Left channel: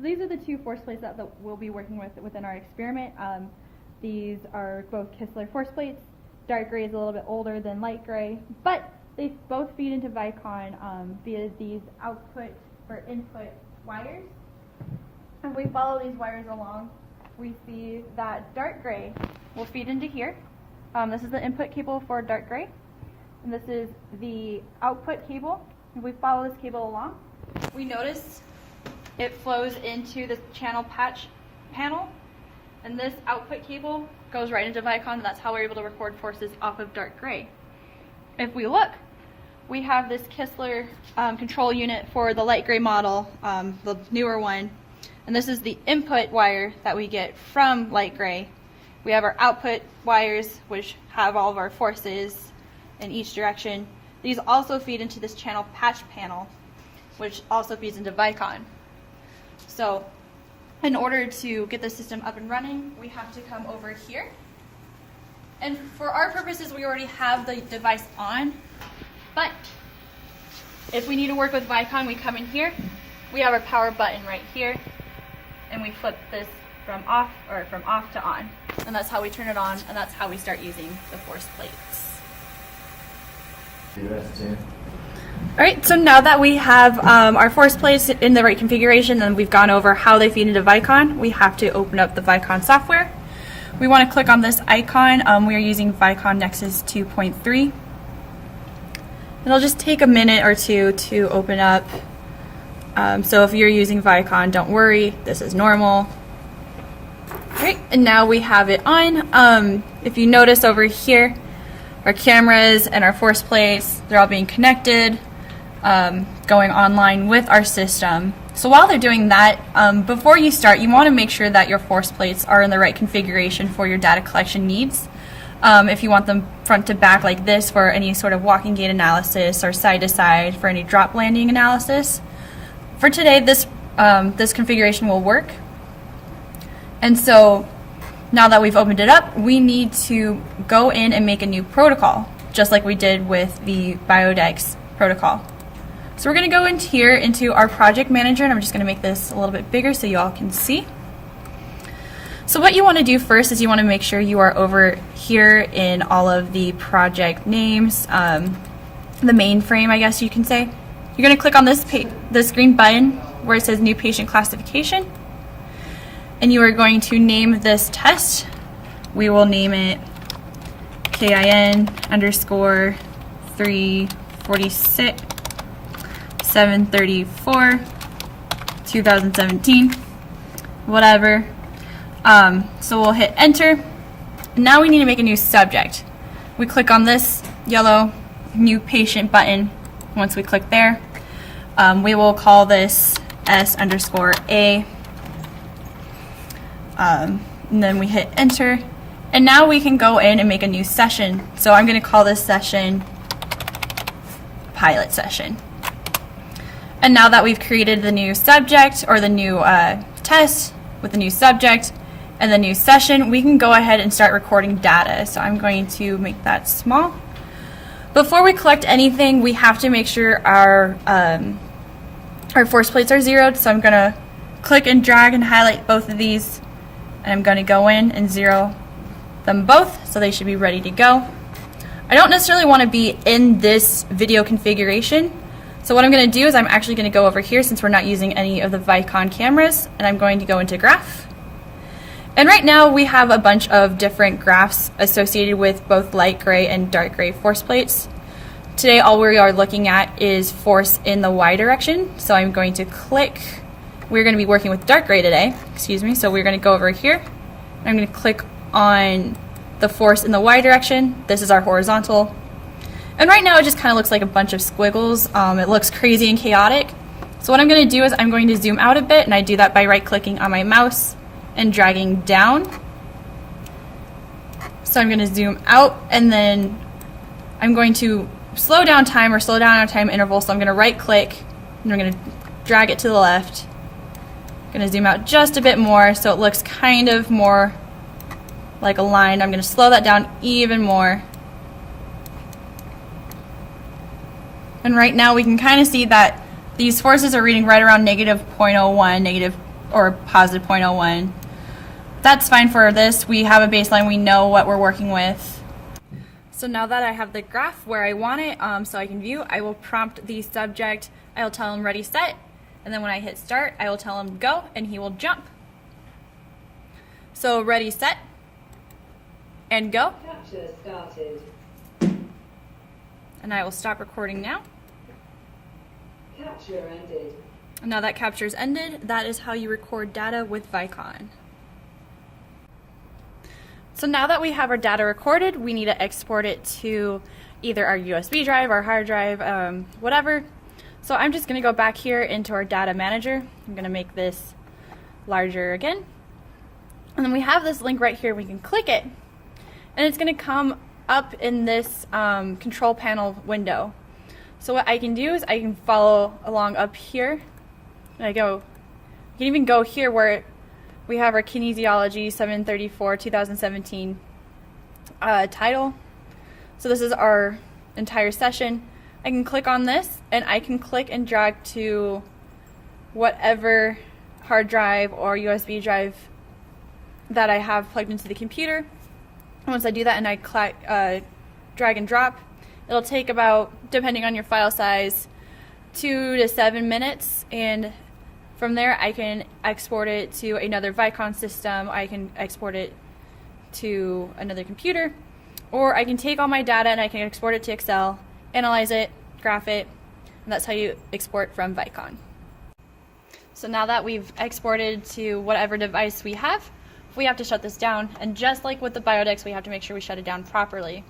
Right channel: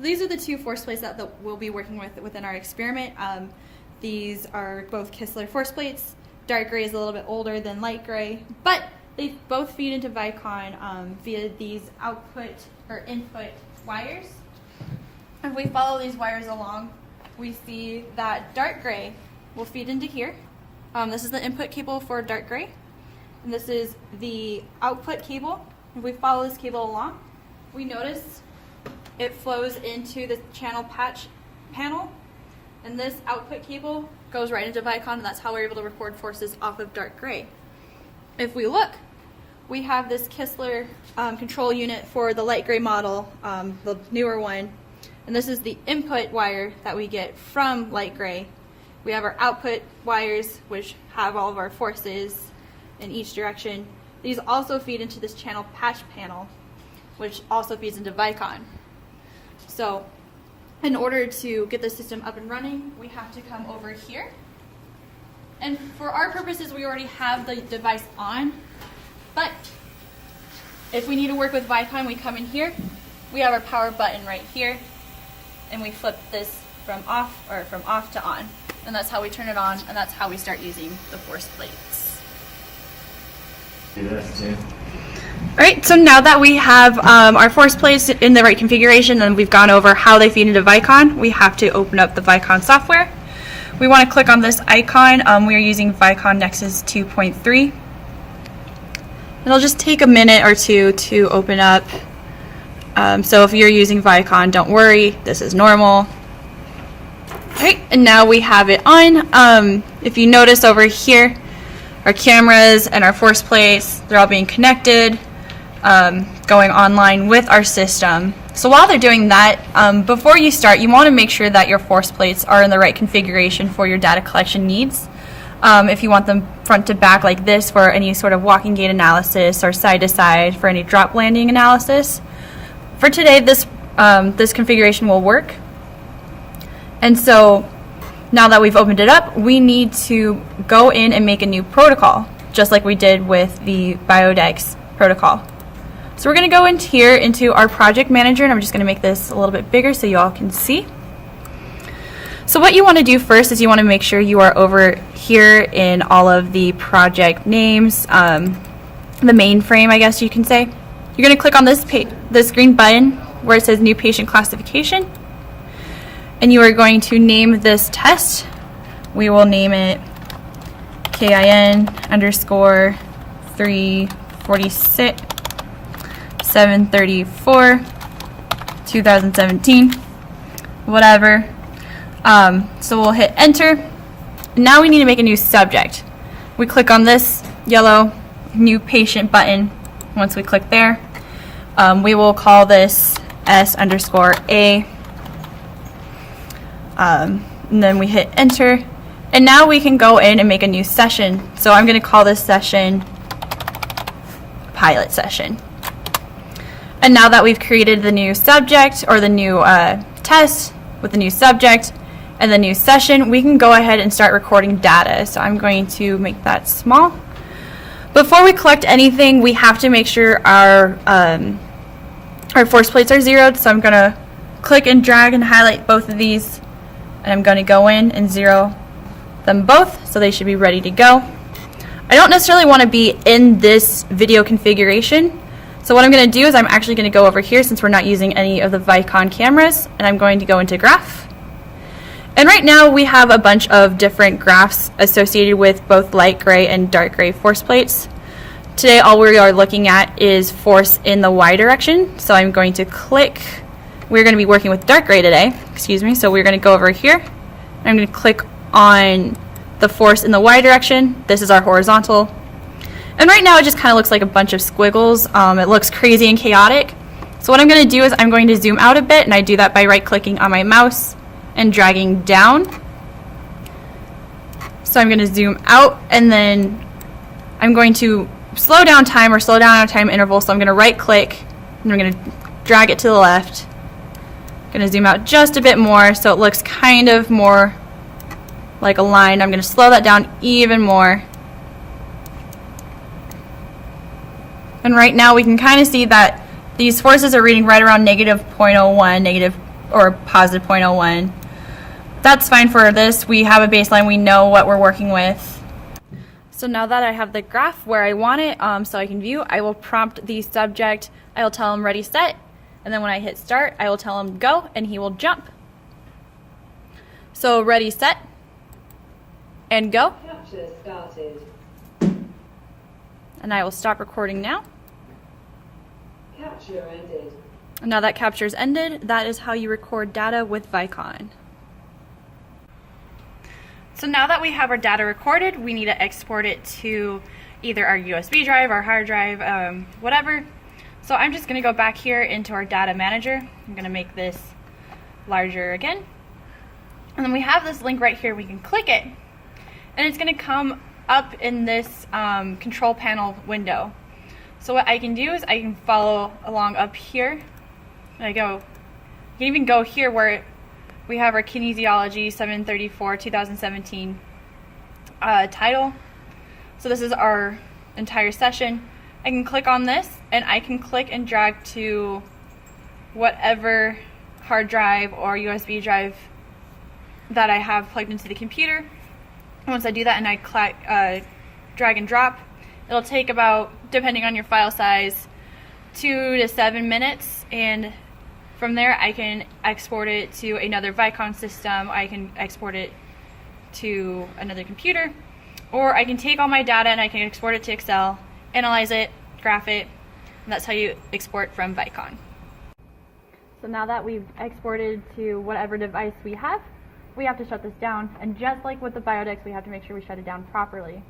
these are the two force plates that we'll be working with within our experiment. These are both Kistler force plates. Dark gray is a little bit older than light gray, but they both feed into Vicon via these output or input wires. If we follow these wires along, we see that dark gray will feed into here. This is the input cable for dark gray, and this is the output cable. If we follow this cable along, we notice it flows into the channel patch panel, and this output cable goes right into Vicon, and that's how we're able to record forces off of dark gray. If we look, we have this Kistler control unit for the light gray model, the newer one, and this is the input wire that we get from light gray. We have our output wires, which have all of our forces in each direction. These also feed into this channel patch panel, which also feeds into Vicon. So in order to get the system up and running, we have to come over here. And for our purposes, we already have the device on, but if we need to work with Vicon, we come in here. We have our power button right here, and we flip this from off to on. And that's how we turn it on, and that's how we start using the force plates. All right, so now that we have our force plates in the right configuration and we've gone over how they feed into Vicon, we have to open up the Vicon software. We want to click on this icon. We are using Vicon Nexus 2.3. It'll just take a minute or two to open up. So if you're using Vicon, don't worry, this is normal. All right, and now we have it on. If you notice over here, our cameras and our force plates, they're all being connected, going online with our system. So while they're doing that, before you start, you want to make sure that your force plates are in the right configuration for your data collection needs. If you want them front to back like this for any sort of walking gait analysis, or side to side for any drop landing analysis. For today, this configuration will work. And so now that we've opened it up, we need to go in and make a new protocol, just like we did with the Biodex protocol. So we're going to go into here into our project manager, and I'm just going to make this a little bit bigger so you all can see. So what you want to do first is you want to make sure you are over here in all of the project names, the mainframe, I guess you can say. You're going to click on this green button where it says New Patient Classification, and you are going to name this test. We will name it KIN_346 734 2017, whatever. So we'll hit enter. Now we need to make a new subject. We click on this yellow new patient button. Once we click there, we will call this S_A. And then we hit enter, and now we can go in and make a new session. So I'm going to call this session pilot session. And now that we've created the new subject, or the new test with the new subject and the new session, we can go ahead and start recording data. So I'm going to make that small. Before we collect anything, we have to make sure our force plates are zeroed. So I'm going to click and drag and highlight both of these. And I'm going to go in and zero them both, so they should be ready to go. I don't necessarily want to be in this video configuration, so what I'm going to do is I'm actually going to go over here, since we're not using any of the Vicon cameras, and I'm going to go into graph. And right now we have a bunch of different graphs associated with both light gray and dark gray force plates. Today all we are looking at is force in the Y direction, so I'm going to click. We're going to be working with dark gray today, so we're going to go over here. I'm going to click on the force in the Y direction. This is our horizontal. And right now it just kind of looks like a bunch of squiggles. It looks crazy and chaotic. So what I'm going to do is I'm going to zoom out a bit, and I do that by right-clicking on my mouse and dragging down. So I'm going to zoom out, and then I'm going to slow down time, or slow down our time interval. So I'm going to right-click, and I'm going to drag it to the left. Going to zoom out just a bit more so it looks kind of more like a line. I'm going to slow that down even more. And right now we can kind of see that these forces are reading right around -0.01, or positive 0.01. That's fine for this. We have a baseline. We know what we're working with. So now that I have the graph where I want it, so I can view, I will prompt the subject. I will tell him ready, set, and then when I hit start, I will tell him go, and he will jump. So ready, set, and go. Capture started. And I will stop recording now. Capture ended. And now that capture's ended, that is how you record data with Vicon. So now that we have our data recorded, we need to export it to either our USB drive, our hard drive, whatever. So I'm just going to go back here into our data manager. I'm going to make this larger again. And then we have this link right here. We can click it, and it's going to come up in this control panel window. So what I can do is I can follow along up here. And I go, you can even go here where we have our kinesiology 7/34/2017 title. So this is our entire session. I can click on this, and I can click and drag to whatever hard drive or USB drive that I have plugged into the computer. And once I do that and I drag and drop, it'll take about, depending on your file size, 2 to 7 minutes, and from there I can export it to another Vicon system, I can export it to another computer, or I can take all my data and I can export it to Excel, analyze it, graph it, and that's how you export from Vicon. So now that we've exported to whatever device we have to shut this down, and just like with the Biodex, we have to make sure we shut it down properly.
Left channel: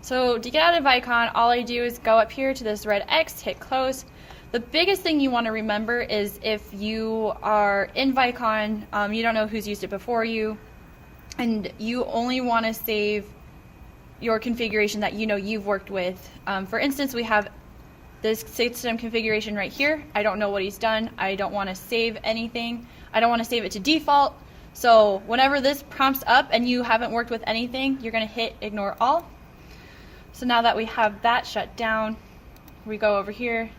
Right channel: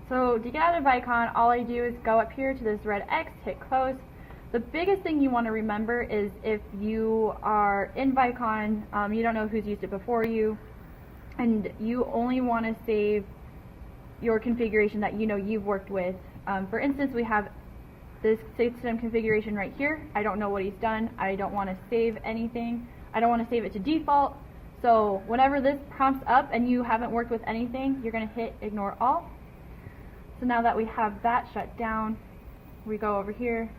So to get out of Vicon, all I do is go up here to this red X, hit close. The biggest thing you want to remember is if you are in Vicon, you don't know who's used it before you, and you only want to save your configuration that you know you've worked with. For instance, we have this system configuration right here. I don't know what he's done. I don't want to save anything. I don't want to save it to default. So whenever this prompts up and you haven't worked with anything, you're going to hit ignore all. So now that we have that shut down, we go over here,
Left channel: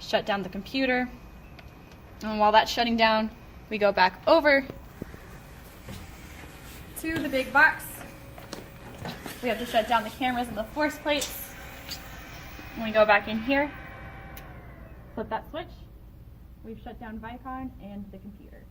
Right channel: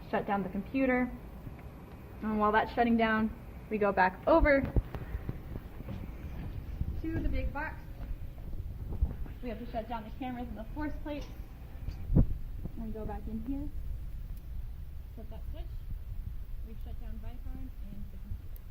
shut down the computer, and while that's shutting down, we go back over to the big box. We have to shut down the cameras and the force plates. And we go back in here, flip that switch, we've shut down Vicon and the computer.